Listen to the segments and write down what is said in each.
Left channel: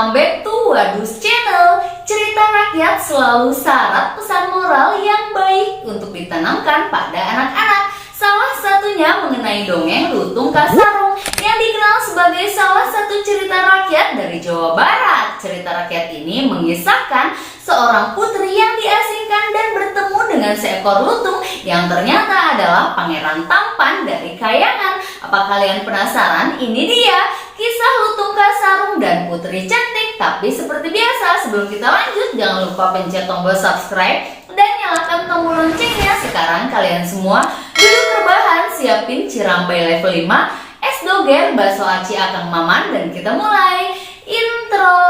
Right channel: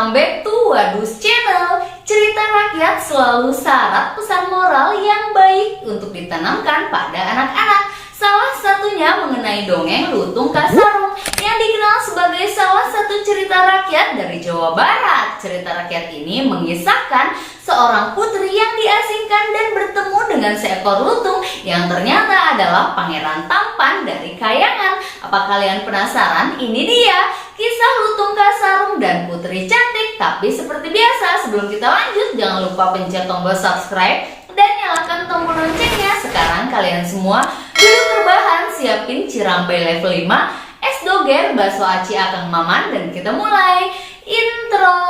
welcome back to Wadus Channel. Cerita rakyat selalu syarat pesan moral yang baik untuk ditanamkan pada anak-anak. Salah satunya mengenai dongeng Lutung Kasarung yang dikenal sebagai salah satu cerita rakyat dari Jawa Barat. Cerita rakyat ini mengisahkan seorang putri yang diasingkan dan bertemu dengan seekor lutung yang ternyata adalah pangeran tampan dari Kayangan. Apa kalian penasaran? Ini dia kisah Lutung Kasarung dan Putri Cantik. Tapi seperti biasa, sebelum kita lanjut, jangan lupa pencet tombol subscribe dan nyalakan tombol loncengnya. Sekarang kalian semua duduk rebahan, siapin cirambai level 5, es doger, bakso aci akang maman, dan kita mulai intro.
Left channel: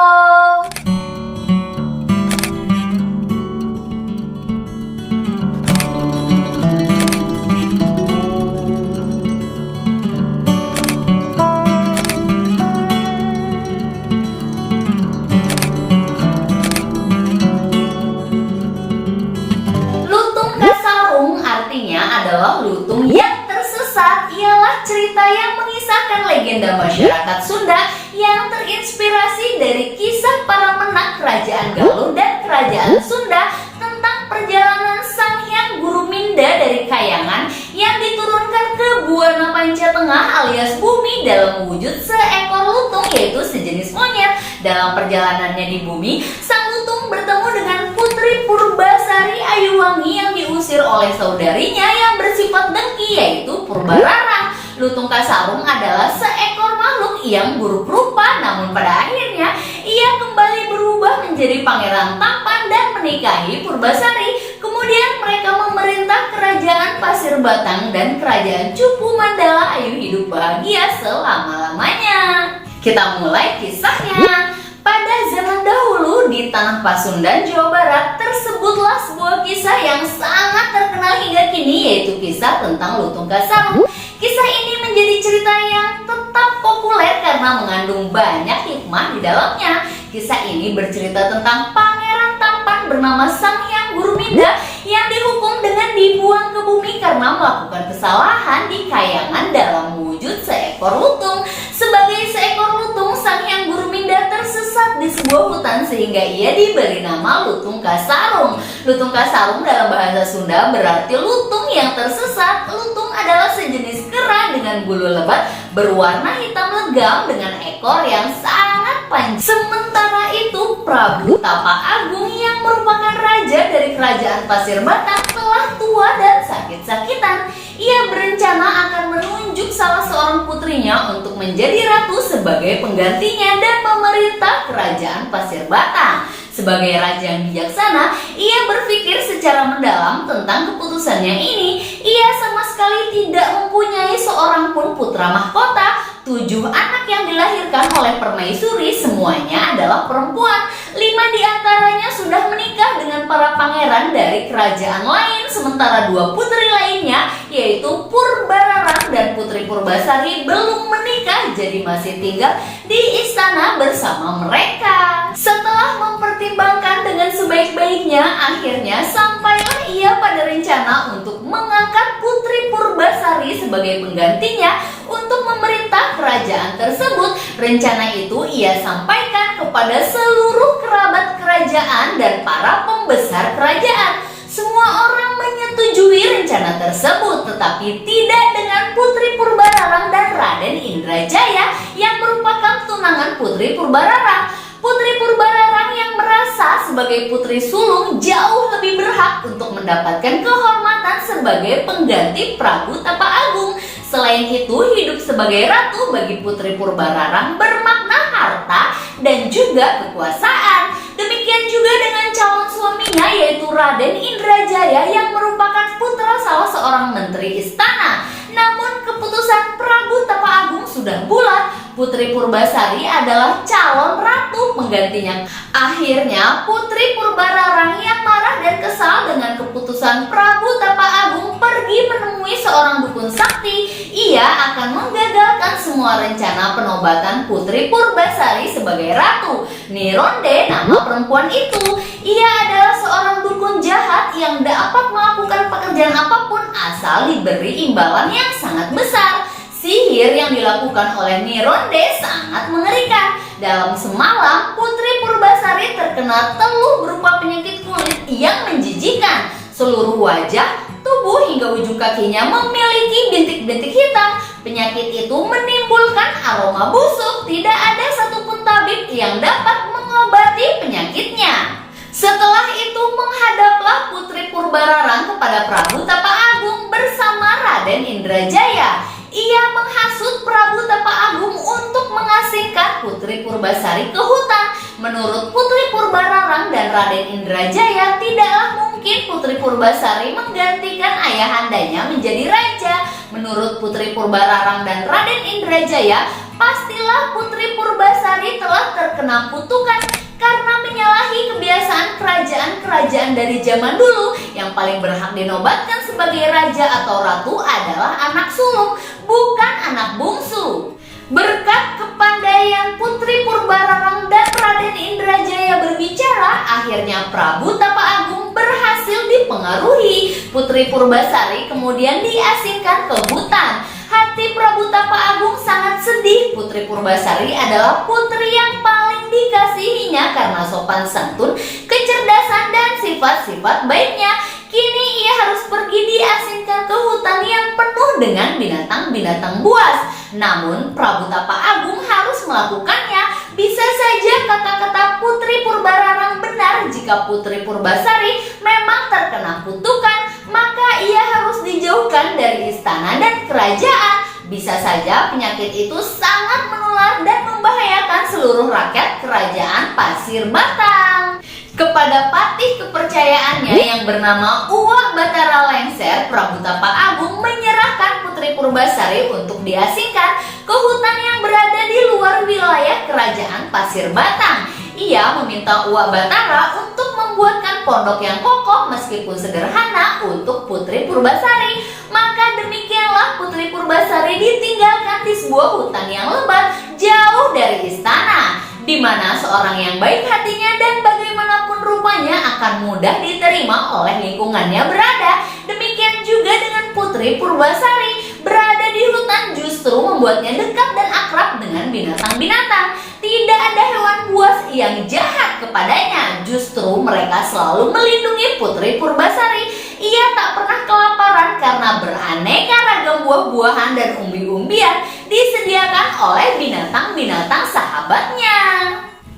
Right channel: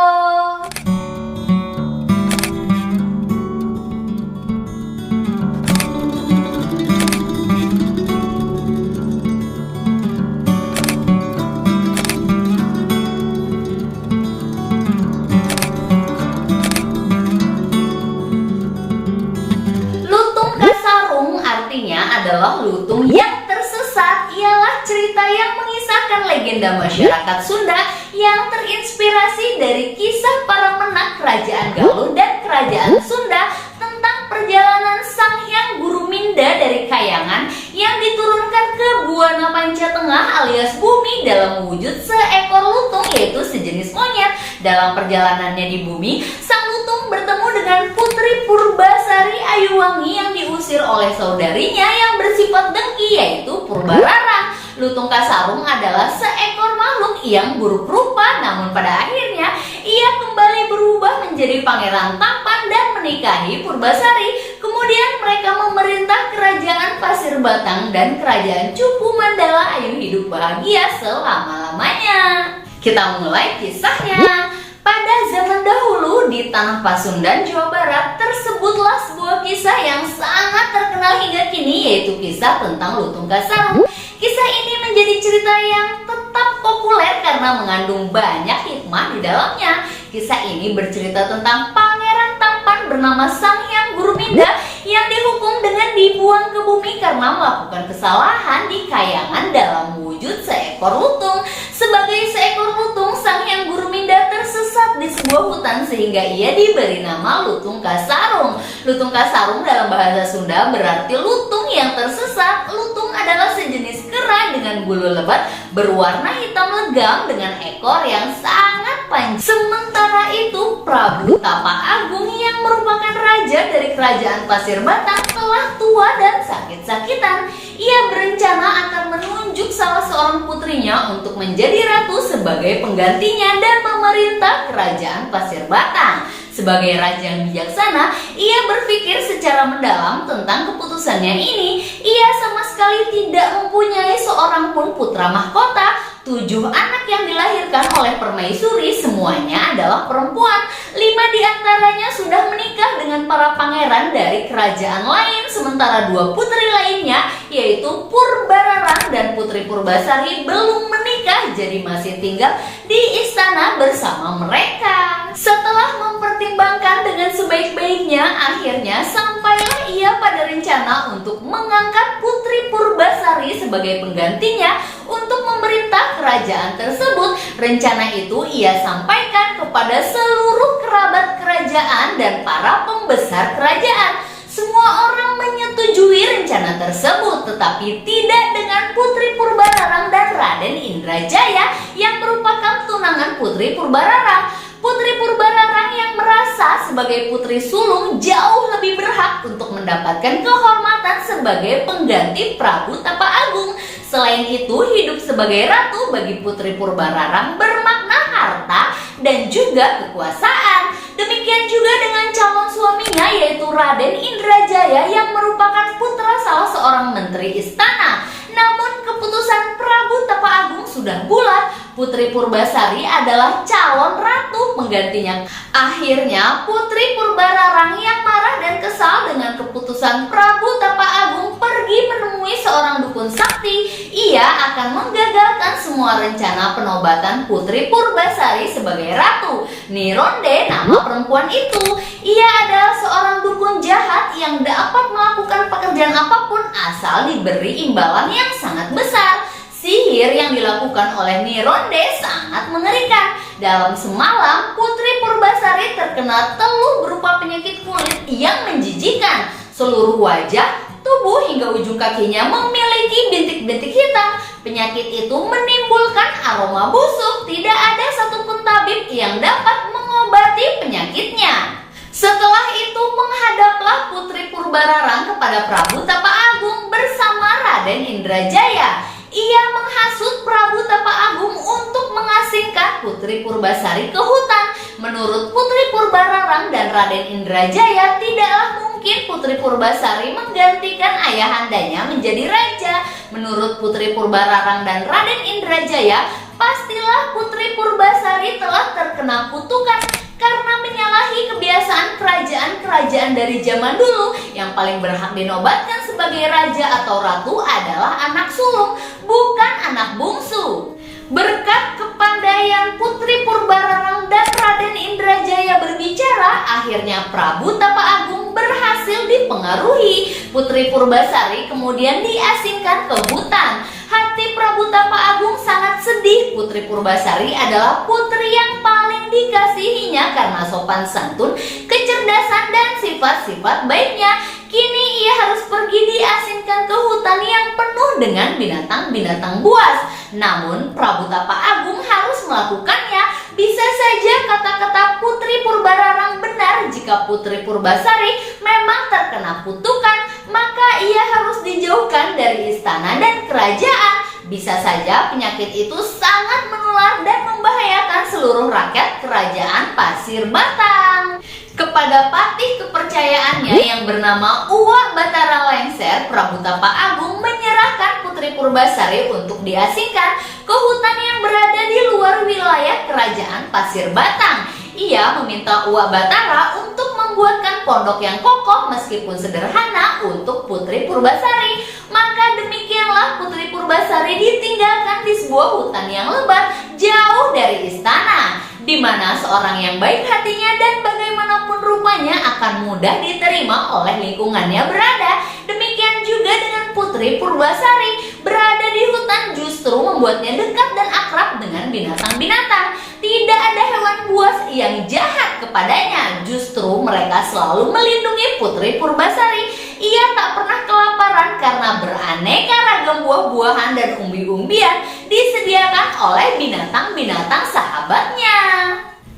Adalah lutung yang tersesat. Ialah cerita yang mengisahkan legenda masyarakat Sunda yang terinspirasi dari kisah para menak Kerajaan Galuh dan Kerajaan Sunda tentang perjalanan Sang Hyang Guruminda dari Kayangan yang diturunkan ke Buana Panca Tengah alias bumi dalam wujud seekor lutung, yaitu sejenis monyet. Dalam perjalanannya di bumi, sang lutung bertemu dengan Putri Purbasari Ayuwangi yang diusir oleh saudarinya yang bersifat dengki, yaitu Purbararang. Lutung Kasarung adalah seekor makhluk yang buruk rupa, namun pada akhirnya ia kembali berubah menjadi pangeran tampan dan menikahi Purbasari. Kemudian mereka memerintah kerajaan Pasir Batang dan kerajaan Cupu Mandala Ayu hidup bahagia selama-lamanya. Kita mulai kisahnya. Pada zaman dahulu di Tanah Pasundan, Jawa Barat, tersebutlah sebuah kisah yang sangat terkenal hingga kini, yaitu kisah tentang Lutung Kasarung. Kisah ini menjadi cerita yang tetap populer karena mengandung banyak hikmah di dalamnya. Kisah ini bercerita tentang pangeran tampan bernama Sang Hyang Guruminda yang dihukum dengan dibuang ke bumi karena melakukan kesalahan di Kayangan dalam wujud seekor lutung. Sebagai seekor lutung, Sang Hyang Guruminda tersesat di sebuah hutan sehingga ia diberi nama Lutung Kasarung. Lutung Kasarung dalam bahasa Sunda berarti lutung yang tersesat. Lutung adalah sejenis kera dengan bulu lebat berwarna hitam legam dengan ekor yang sangat panjang. Sementara itu, Prabu Tapak Agung yang merupakan raja dari kerajaan Pasir Batang telah tua dan sakit-sakitan. Ia berencana akan menunjuk salah seorang putrinya untuk menjadi ratu sebagai penggantinya dan memerintah kerajaan Pasir Batang. Sebagai raja yang bijaksana, ia berpikir secara mendalam tentang keputusannya ini. Ia sama sekali tidak mempunyai seorang pun putra mahkota. 7 anak yang dilahirkan oleh permaisuri semuanya adalah perempuan. 5 diantaranya sudah menikah dengan para pangeran dari kerajaan lain, sementara 2 putri lainnya, yaitu Purbararang dan Putri Purbasari, belum menikah, jadi masih tinggal di istana bersama mereka. Setelah mempertimbangkan dengan sebaik-baiknya, akhirnya sampailah ia pada rencana untuk mengangkat Putri Purbasari sebagai penggantinya untuk memerintah kerajaan tersebut. Rencana itu ia sampaikan kepada seluruh kerabat kerajaan dan para pembesar kerajaan. Semua orang menyetujui rencana tersebut, tetapi tidak dengan Putri Purbararang dan Raden Indrajaya yang merupakan tunangan Putri Purbararang. Putri Purbararang yang merasa sebagai putri sulung jauh lebih berhak untuk mendapatkan kehormatan sebagai pengganti Prabu Tapak Agung. Selain itu, hidup sebagai ratu bagi Putri Purbararang bermakna harta dan juga kekuasaan. Demikian juga dengan calon suaminya, yaitu Raden Indrajaya yang merupakan putra salah seorang menteri istana. Namun keputusan Prabu Tapak Agung sudah bulat. Putri Purbasari adalah calon ratu penggantinya. Akhirnya Putri Purbararang yang marah dan kesal dengan keputusan Prabu Tapak Agung pergi menemui seorang dukun sakti. Ia akan menggagalkan semua rencana penobatan Putri Purbasari sebagai ratu. Nironde nama perempuan itu. Ia adalah seorang dukun jahat yang dapat melakukan pekerjaan apapun asal diberi imbalan yang sangat besar. Sihir yang dilakukan oleh Nironde sangat mengerikan. Dalam semalam, Purbasari terkena teluh berupa penyakit kulit yang menjijikan. Seluruh wajah, tubuh hingga ujung kakinya memiliki bintik-bintik hitam. Penyakit itu menimbulkan aroma busuk. Tidak ada satupun tabib yang dapat mengobati penyakitnya. Setelah itu menghadaplah Putri Purbararang kepada Prabu Tapa Agung bersama Raden Indrajaya. Ia menghasut Prabu Tapa Agung untuk mengasingkan Putri Purbasari ke hutan. Menurut Putri Purbararang dan Raden Indrajaya, tidaklah mungkin Putri Purbasari menggantikan ayahandanya menjadi raja. Menurut Putri Purbararang dan Raden Indrajaya, pastilah Putri Purbasari telah terkena kutukan karena menyalahi kebiasaan kerajaan-kerajaan dari zaman dulu. Yang paling berhak dinobatkan sebagai raja atau ratu adalah anak sulung, bukan anak bungsu. Berkat kepandaian Putri Purbararang dan Raden Indrajaya berbicara, akhirnya Prabu Tapa Agung berhasil dipengaruhi. Putri Purbasari kemudian diasingkan ke hutan. Hati Prabu Tapa Agung sangat sedih. Putri Purbasari adalah putri yang paling dikasihinya karena sopan santun, kecerdasan, dan sifat-sifat baiknya. Kini ia harus pergi diasingkan ke hutan yang penuh dengan binatang-binatang buas. Namun Prabu Tapa Agung harus melakukannya. Bisa saja kata-kata Putri Purbararang benar. Jika Putri Purbasari memang terkena kutukan, maka ia harus dijauhkan dari istana dan kerajaan. Bisa saja penyakit itu sangat menular dan membahayakan seluruh rakyat kerajaan Pasir Batang. Kepada patih kepercayaannya yang bernama Uwak Batara Lengser, Prabu Tapa Agung menyerahkan Putri Purbasari untuk diasingkan ke hutan yang berada di luar wilayah kerajaan Pasir Batang. Ia meminta Uwak Batara untuk membuatkan pondok yang kokoh meskipun sederhana untuk Putri Purbasari. Maka demikianlah Putri Purbasari ditinggalkan di sebuah hutan yang lebat jauh dari istana, di mana seorang yang baik hatinya dan bagaimanapun rupanya akan mudah diterima oleh lingkungannya berada. Demikian juga dengan Putri Purbasari. Berada di hutan justru membuatnya dekat dan akrab dengan binatang-binatang. Tidak ada hewan buas yang jahat kepadanya. Justru mereka selalu melindungi Putri Purbasari. Ia tak pernah kelaparan karena beraneka ragam buah-buahan dan umbi-umbian disediakan oleh binatang-binatang sahabatnya.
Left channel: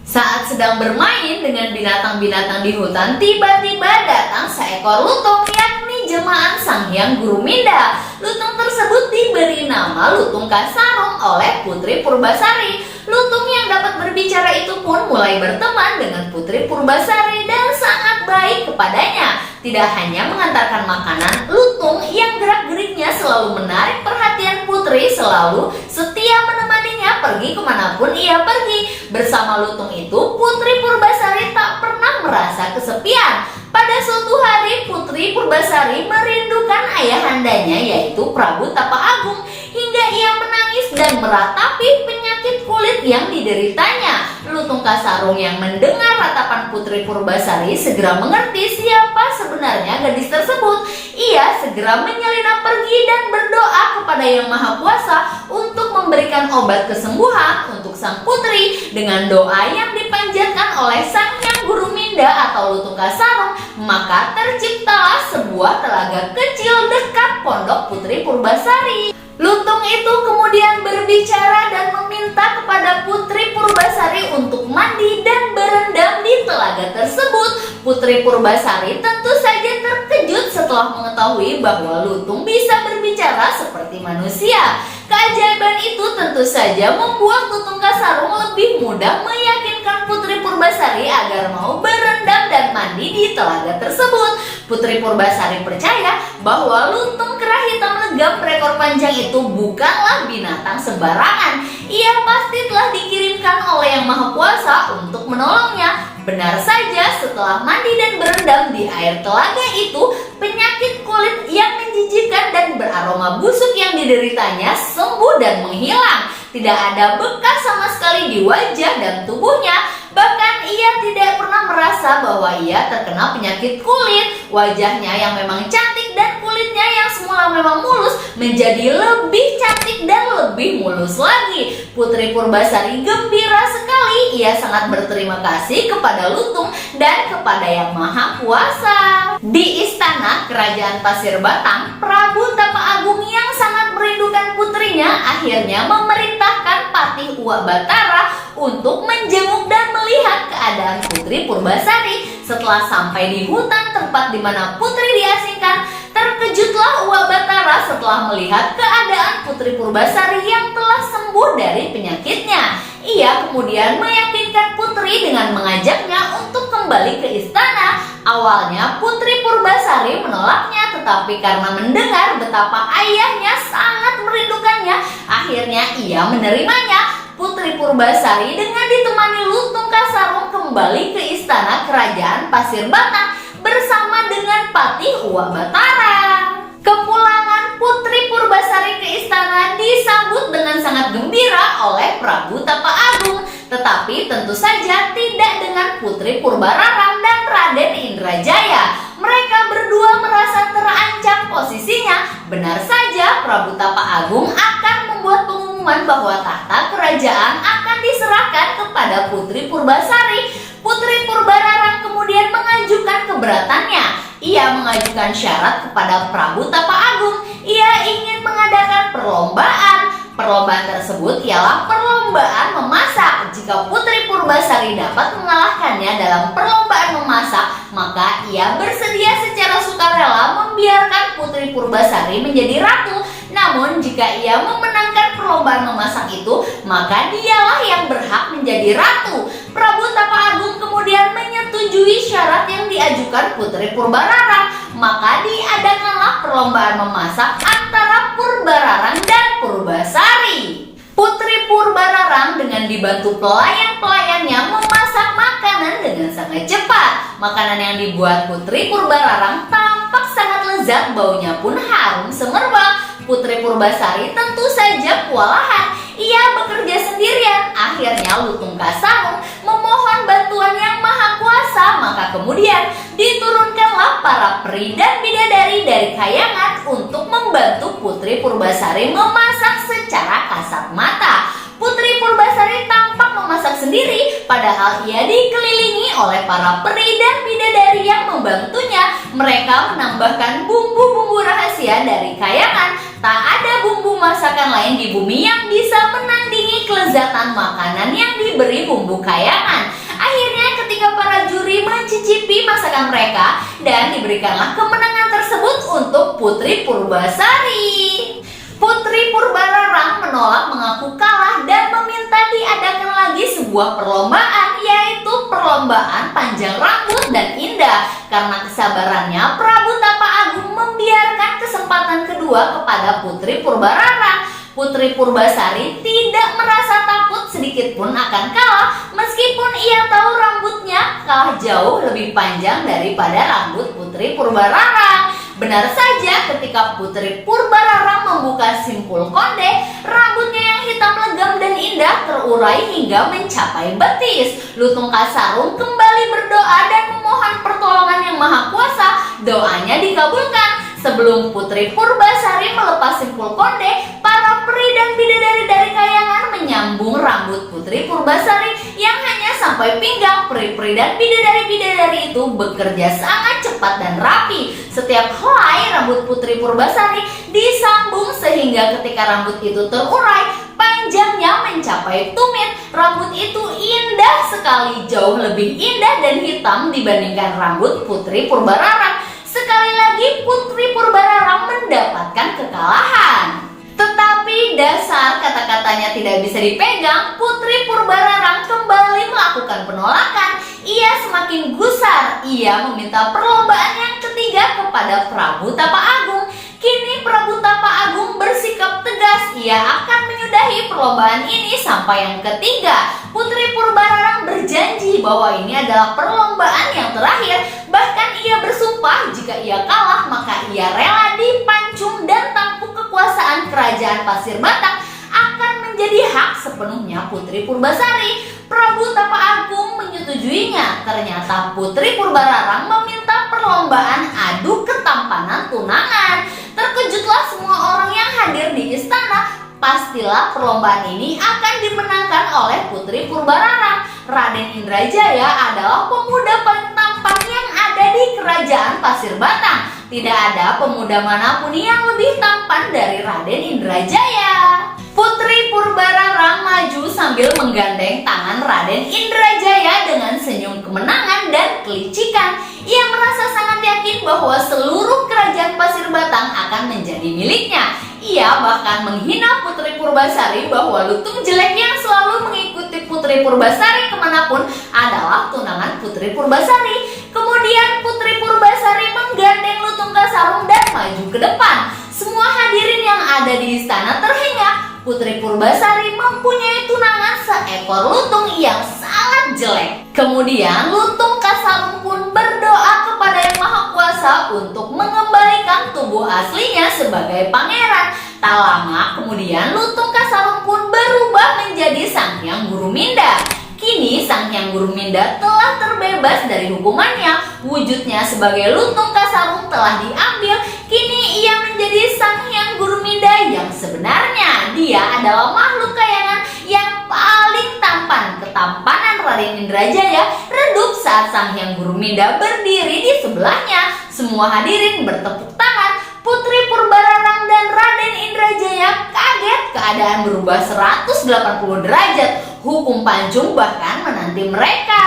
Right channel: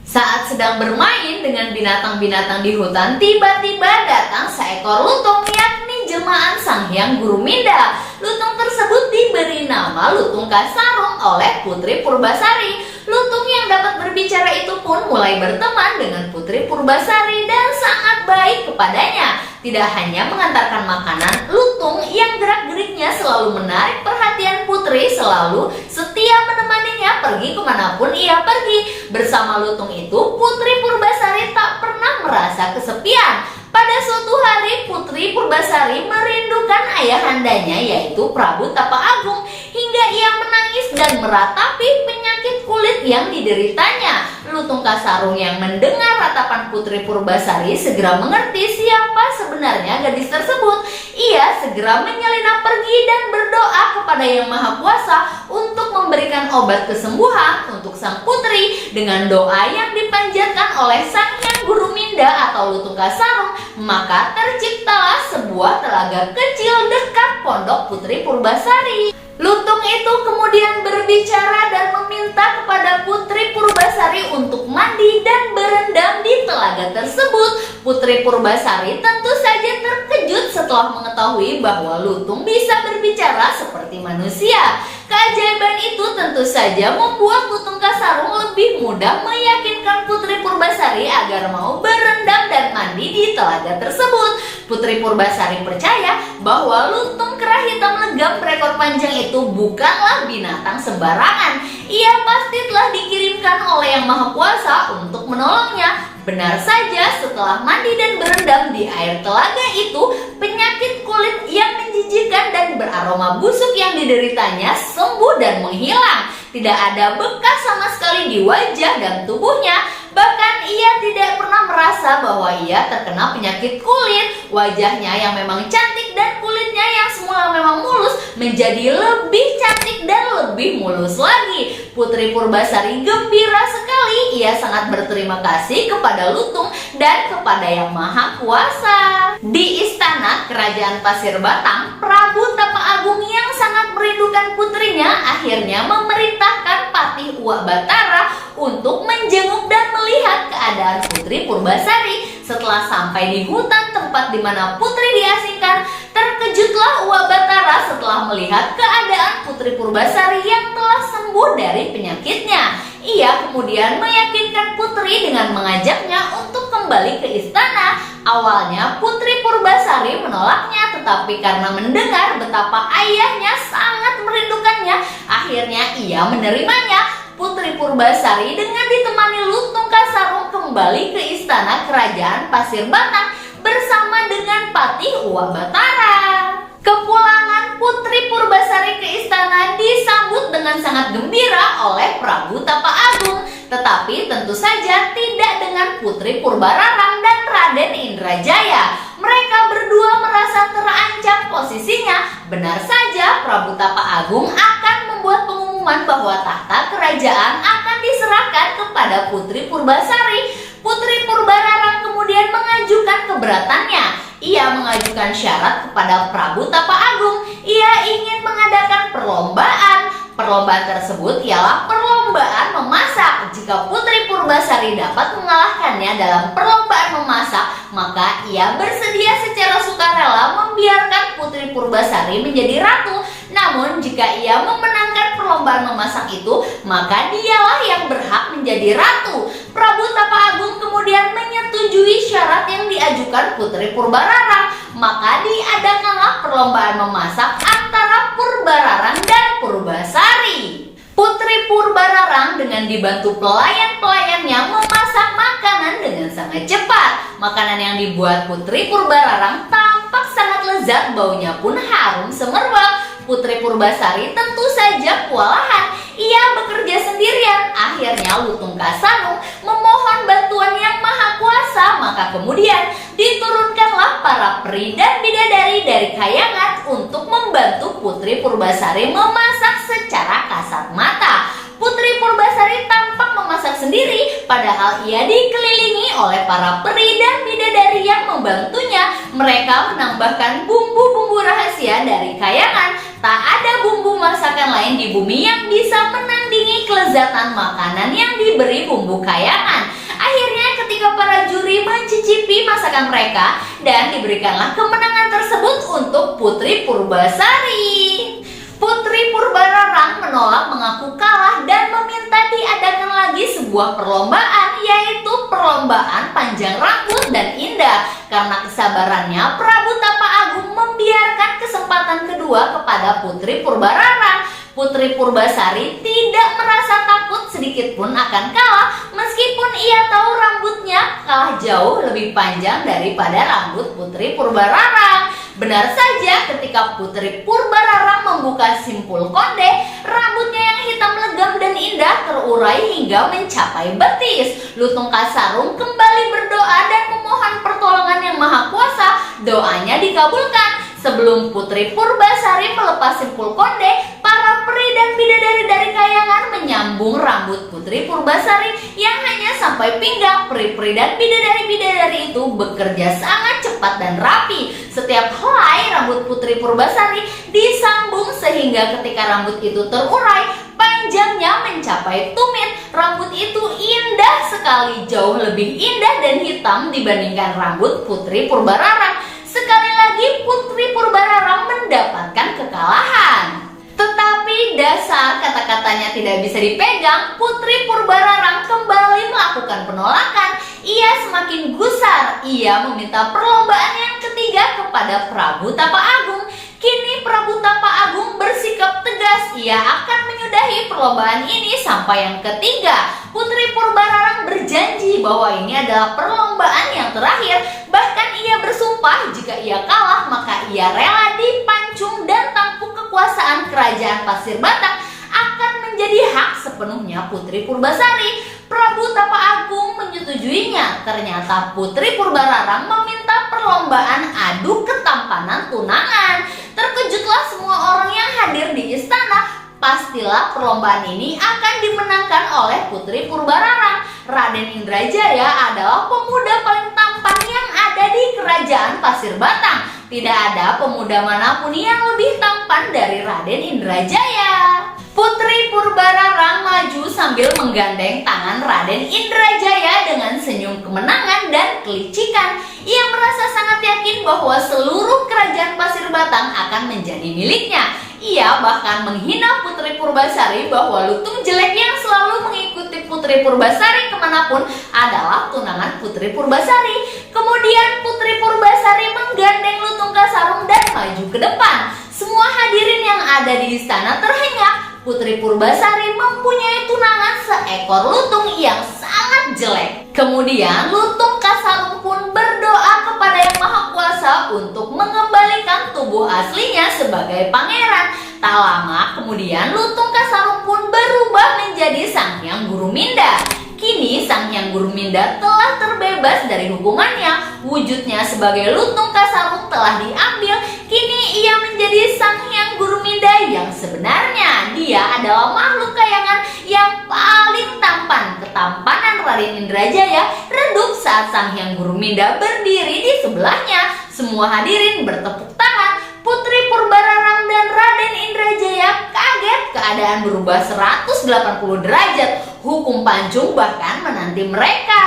Saat sedang bermain dengan binatang-binatang di hutan, tiba-tiba datang seekor lutung, yakni jelmaan Sang Hyang Guruminda. Lutung tersebut diberi nama Lutung Kasarung oleh Putri Purbasari. Lutung yang dapat berbicara itu pun mulai berteman dengan Putri Purbasari dan sangat baik kepadanya. Tidak hanya mengantarkan makanan, lutung yang gerak-geriknya selalu menarik perhatian Putri, selalu setia menemaninya pergi kemanapun ia pergi. Bersama lutung itu, Putri Purbasari tak pernah merasa kesepian. Pada suatu hari, Putri Purbasari merindukan ayahandanya, yaitu Prabu Tapa Agung, hingga ia menangis dan meratapi penyakit kulit yang dideritanya. Lutung Kasarung yang mendengar ratapan Putri Purbasari segera mengerti siapa sebenarnya gadis tersebut. Ia segera menyelinap pergi dan berdoa kepada Yang Maha Kuasa untuk memberikan obat kesembuhan untuk sang putri. Dengan doa yang dipanjatkan oleh Sang Hyang Guruminda atau Lutung Kasarung, maka terciptalah sebuah telaga kecil dekat pondok Putri Purbasari. Lutung itu kemudian berbicara dan meminta kepada Putri Purbasari untuk mandi dan berendam di telaga tersebut. Putri Purbasari tentu saja terkejut setelah mengetahui bahwa lutung bisa berbicara seperti manusia. Keajaiban itu tentu saja membuat Lutung Kasarung lebih mudah meyakinkan Putri Purbasari agar mau berendam dan mandi di telaga tersebut. Putri Purbasari percaya bahwa lutung kerah hitam legam berekor panjang itu bukanlah binatang sembarangan. Ia pasti telah dikirimkan oleh Yang Maha Kuasa untuk menolongnya. Benar saja, setelah mandi dan berendam di air telaga itu, penyakit kulit yang menjijikan dan beraroma busuk yang dideritanya sembuh dan menghilang. Tidak ada bekas sama sekali di wajah dan tubuhnya. Bahkan ia tidak pernah merasa bahwa ia terkena penyakit kulit. Wajahnya yang memang cantik dan kulitnya rambutnya yang semula memang mulus menjadi lebih cantik dan lebih mulus lagi. Putri Purbasari gembira sekali. Ia sangat berterima kasih kepada Lutung dan kepada Yang Maha Kuasa. Di istana kerajaan Pasir Batang, Prabu Tapa Agung yang sangat merindukan putrinya akhirnya memerintahkan Patih Uwak Batara untuk menjenguk dan melihat keadaan Putri Purbasari. Setelah sampai di hutan tempat di mana putri diasingkan, terkejutlah Uwak Batara setelah melihat keadaan Putri Purbasari yang telah sembuh dari penyakitnya. Ia kemudian meyakinkan putri dengan mengajaknya untuk kembali ke istana. Awalnya Putri Purbasari menolaknya, tetapi karena mendengar betapa ayahnya sangat merindukannya, akhirnya ia menerimanya. Putri Purbasari dengan ditemani Lutung Kasarung kembali ke istana kerajaan Pasir Batang bersama dengan Patih Uwak Batara. Kepulangan Putri Purbasari ke istana disambut dengan sangat gembira oleh Prabu Tapa Agung, tetapi tentu saja tidak dengan Putri Purbararang dan Raden Indrajaya. Mereka berdua merasa terancam posisinya. Benar saja Prabu Tapa Agung akan membuat pengumuman bahwa tahta kerajaan akan diserahkan kepada Putri Purbasari. Putri Purbararang kemudian mengajukan keberatannya. Ia mengajukan syarat kepada Prabu Tapa Agung. Ia ingin mengadakan perlombaan. Perlombaan tersebut ialah perlombaan memasak. Jika Putri Purbasari dapat mengalahkannya dalam perlombaan memasak, maka ia bersedia secara sukarela membiarkan Putri Purbasari menjadi ratu. Namun jika ia memenangkan perlombaan memasak itu, maka dialah yang berhak menjadi ratu. Prabu Tapa Agung kemudian menyetujui syarat yang diajukan Putri Purbararang. Maka diadakanlah perlombaan memasak antara Purbararang dan Purbasari. Putri Purbararang dengan dibantu pelayan-pelayannya memasak makanan dengan sangat cepat. Makanan yang dibuat Putri Purbararang tampak sangat lezat, baunya pun harum semerbak. Putri Purbasari tentu saja kewalahan. Ia bekerja sendirian. Akhirnya Lutung Kasarung memohon bantuan Yang Maha Kuasa. Maka kemudian diturunkanlah para peri dan bidadari dari Kayangan untuk membantu Putri Purbasari memasak secara kasat mata. Putri Purbasari tampak memasak sendiri, padahal ia dikelilingi oleh para peri dan bidadari yang membantunya. Mereka menambahkan bumbu-bumbu rahasia dari Kayangan. Tak ada bumbu masakan lain di bumi yang bisa menandingi kelezatan makanan yang diberi bumbu Kayangan. Akhirnya ketika para juri mencicipi masakan mereka, dan diberikanlah kemenangan tersebut untuk Putri Purbasari. Putri Purbararang menolak mengaku kalah dan meminta diadakan lagi sebuah perlombaan, yaitu perlombaan panjang rambut dan indah. Karena kesabarannya, Prabu Tapa Agung membiarkan kesempatan kedua kepada Putri Purbararang. Putri Purbasari tidak merasa takut sedikit pun akan kalah, meskipun ia tahu rambutnya kalah jauh lebih panjang daripada rambut Putri Purbararang. Benar saja ketika Putri Purbararang membuka simpul konde, rambutnya yang hitam legam dan indah terurai hingga mencapai betis. Lutung Kasarung kembali berdoa dan memohon pertolongan Yang Maha Kuasa. Doanya dikabulkan. Sebelum Putri Purbasari melepas simpul konde, para peri dan bidadari dari Kayangan menyambung rambut Putri Purbasari yang hanya sampai pinggang. Peri-peri dan bidadari-bidadari itu bekerja sangat cepat dan rapi. Setiap helai rambut Putri Purbasari disambung sehingga ketika rambut itu terurai, panjangnya mencapai tumit. Rambut itu indah sekali, jauh lebih indah dan hitam dibandingkan rambut Putri Purbararang. Sekali lagi Putri Purbararang mendapatkan kekalahan. Tetapi dasar kata-katanya tidak bisa dipegang, Putri Purbararang kembali melakukan penolakan. Ia semakin gusar. Ia meminta perlombaan yang ketiga kepada Prabu Tapa Agung. Kini Prabu Tapa Agung bersikap tegas. Ia akan menyudahi perlombaan ini sampai yang ketiga. Putri Purbararang berjanji bahwa ini adalah perlombaan yang terakhir. Bahkan ia bersumpah jika ia kalah maka ia rela dipancung dan tampuk kekuasaan kerajaan Pasir Batang akan menjadi hak sepenuhnya Putri Purbasari. Prabu Tapa Agung menyetujuinya. Ternyata Putri Purbararang meminta perlombaan adu ketampanan tunangan. Terkejutlah semua orang yang hadir di istana. Pastilah perlombaan ini akan dimenangkan oleh Putri Purbararang. Raden Indrajaya adalah pemuda paling tampan yang ada di Kerajaan Pasir Batang. Tidak ada pemuda manapun yang lebih tampan dari Raden Indrajaya. Putri Purbararang maju sambil menggandeng tangan Raden Indrajaya dengan senyum kemenangan dan kelicikan. Ia merasa sangat yakin bahwa seluruh kerajaan Pasir Batang akan menjadi miliknya. Ia bahkan menghina Putri Purbasari bahwa lutung jelek yang selalu mengikuti Putri Purbasari kemanapun adalah tunangan Putri Purbasari. Kemudian Putri Purbasari menggandeng lutung Kasarung dan maju ke depan. Semua hadirin yang ada di istana terhenyak. Putri Purbasari mempunyai tunangan seekor lutung yang sangat jelek. Kemudian lutung Kasarung pun berdoa kepada Yang Maha Kuasa untuk mengembalikan tubuh aslinya sebagai pangeran. Tak lama kemudian lutung Kasarung pun berubah menjadi Sang Hyang Guruminda. Kini Sang Hyang Guruminda telah terbebas dari hukumannya. Wujudnya sebagai lutung Kasarung telah diambil. Kini ia menjadi Sang Hyang Guruminda yang sebenarnya. Dia adalah makhluk kayangan yang paling tampan. Ketampanan Raden Indrajaya redup saat Sang Hyang Guruminda berdiri di sebelahnya. Semua hadirin bertepuk tangan. Putri Purbararang dan Raden Indrajaya kaget, keadaan berubah 180 derajat. Hukum pancung bahkan menanti mereka.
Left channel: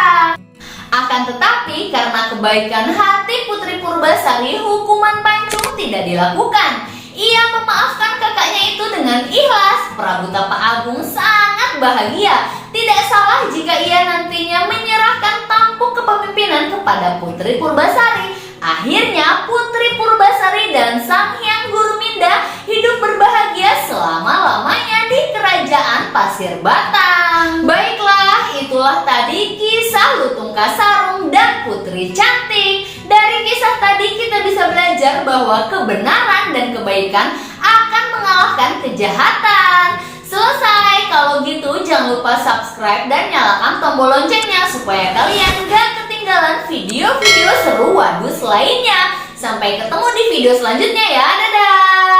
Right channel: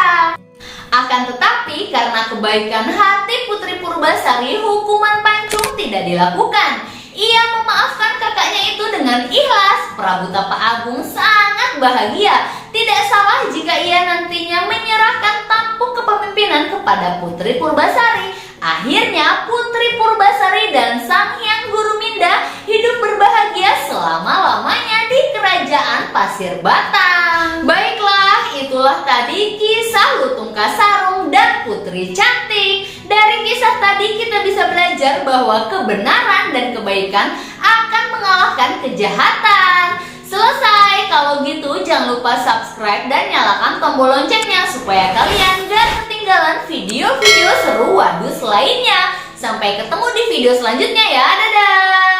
Akan tetapi karena kebaikan hati Putri Purbasari, hukuman pancung tidak dilakukan. Ia memaafkan kakaknya itu dengan ikhlas. Prabu Tapa Agung sangat bahagia. Tidak salah jika ia nantinya menyerahkan tampuk kepemimpinan kepada Putri Purbasari. Akhirnya Putri Purbasari dan Sang Hyang Guruminda hidup berbahagia selama-lamanya di Kerajaan Pasir Batang. Baiklah, itulah tadi kisah lutung Kasarung dan Putri Cantik. Dari kisah tadi kita bisa belajar bahwa kebenaran dan kebaikan akan mengalahkan kejahatan. Selesai. Kalau gitu jangan lupa subscribe dan nyalakan tombol loncengnya supaya kalian gak ketinggalan video-video seru Wadus lainnya. Sampai ketemu di video selanjutnya ya. Dadah.